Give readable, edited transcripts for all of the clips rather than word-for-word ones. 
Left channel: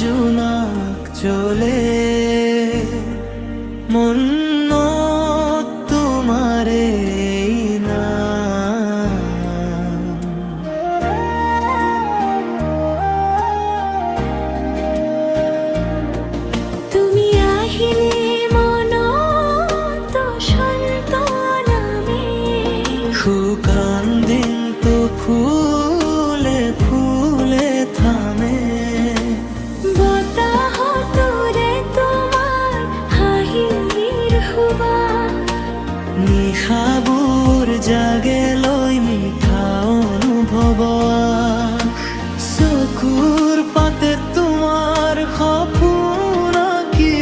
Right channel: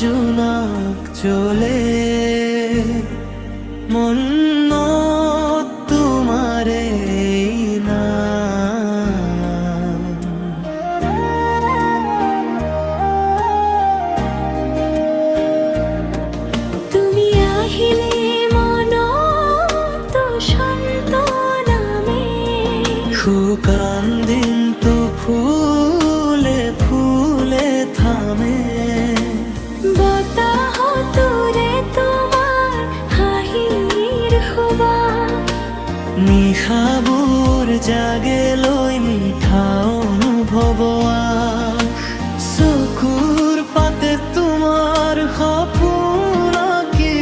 জোনাক চলে মন তোমারে নাম। তুমি আহিলে মন তো সন্তনামে, শুকান দিন তো ফুলে ফুলে থামে। বতাহ তোরে তোমার হাঁহির হুবা, নিশাবোৰ জাগে লৈ মিঠা অনুভৱ। চকুৰ পাতে তোমাৰ সপোন আঁকি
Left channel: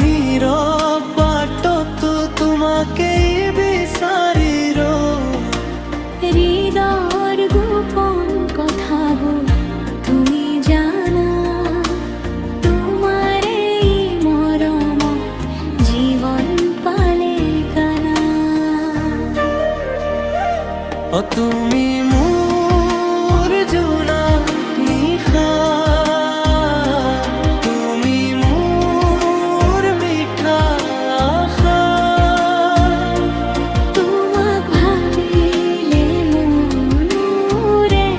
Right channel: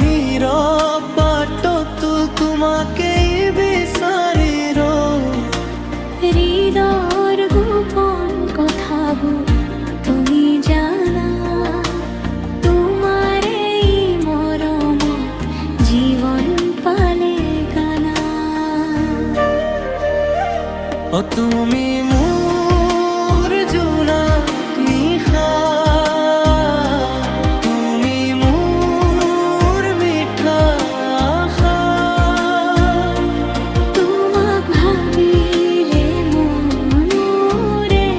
নীৰৱ বাটতো তোমাকেই বিচাৰি হৃদয়ৰ গোপন কথাবোৰ তুমি জানা। তোমাৰ এই মৰমত জীৱন পালে গানা। তুমি মোৰ জোনাক নিশা, তুমি মোৰ মিঠা আশা। তোমাক ভাবিলে মনৰে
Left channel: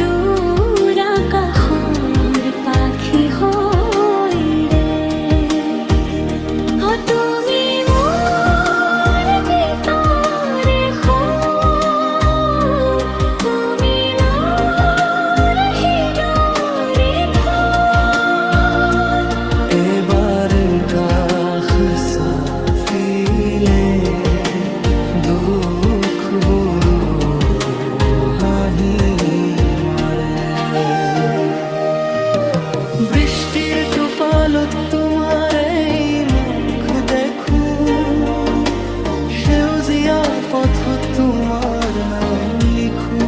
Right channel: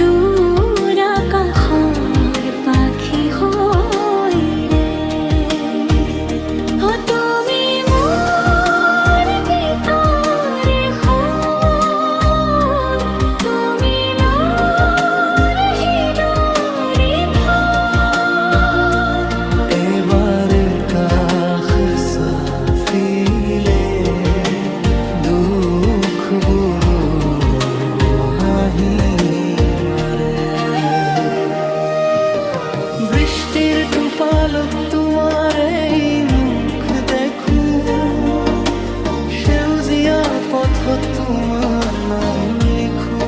দূৰ আকাশৰ পাখি হৈ ৰে। তুমি মোৰ গীতৰ সুৰ, তুমি লৰ হৃদয়ৰ থৰ। এবাৰ কাষ চাপিলে দুখবোৰো হাঁহি মাৰে। বৃষ্টিৰ টোপালত তোমাৰ এই মুখ দেখো, সেউজীয়া পথত তোমাৰ নাম লিখো।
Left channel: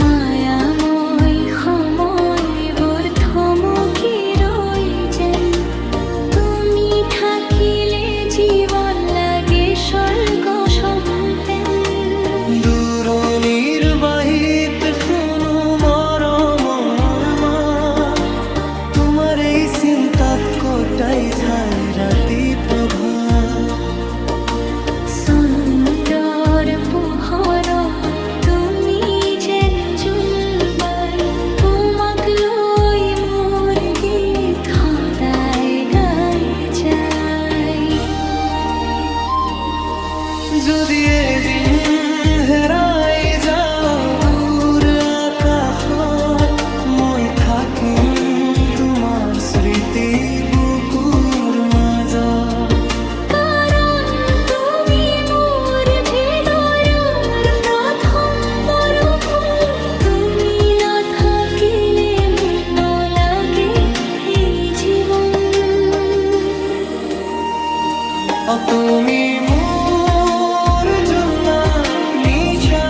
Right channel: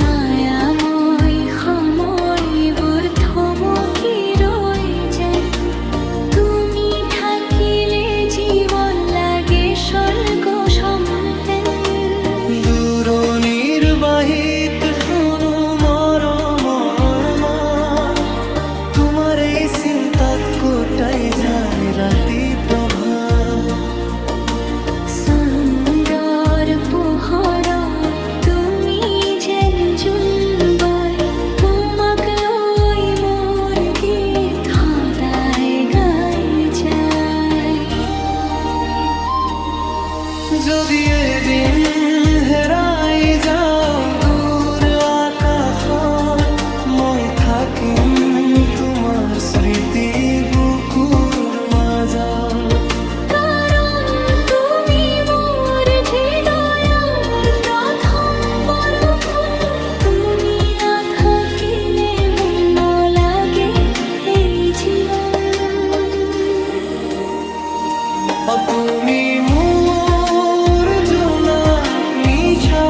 মায়াময় সময়বোৰ থমকি ৰৈ যেন, তুমি থাকিলে জীৱন লাগে স্বৰ্গ সম্পেন। দূৰণিৰ বাহিত শুনো মৰমৰ মাত, তোমাৰ এই চিন্তাত কটাই যায় ৰাতি প্ৰভাত। চন্দ্ৰৰ পোহৰত তুমি যেন জোনবাই, তোমাক লৈ মোৰ গীত সদায় গাই যায়। যদি এদিন হেৰাই যাওঁ দূৰ আকাশত, মই থাকিম তোমাৰ স্মৃতি বুকুৰ মাজত। কাৰণ তুমি মোৰ হৃদয়ৰ প্ৰথম বৰফুল, তুমি নাথাকিলে মোৰ নলাগে এই জীৱন। তুমি মোৰ জোনাক নিশা।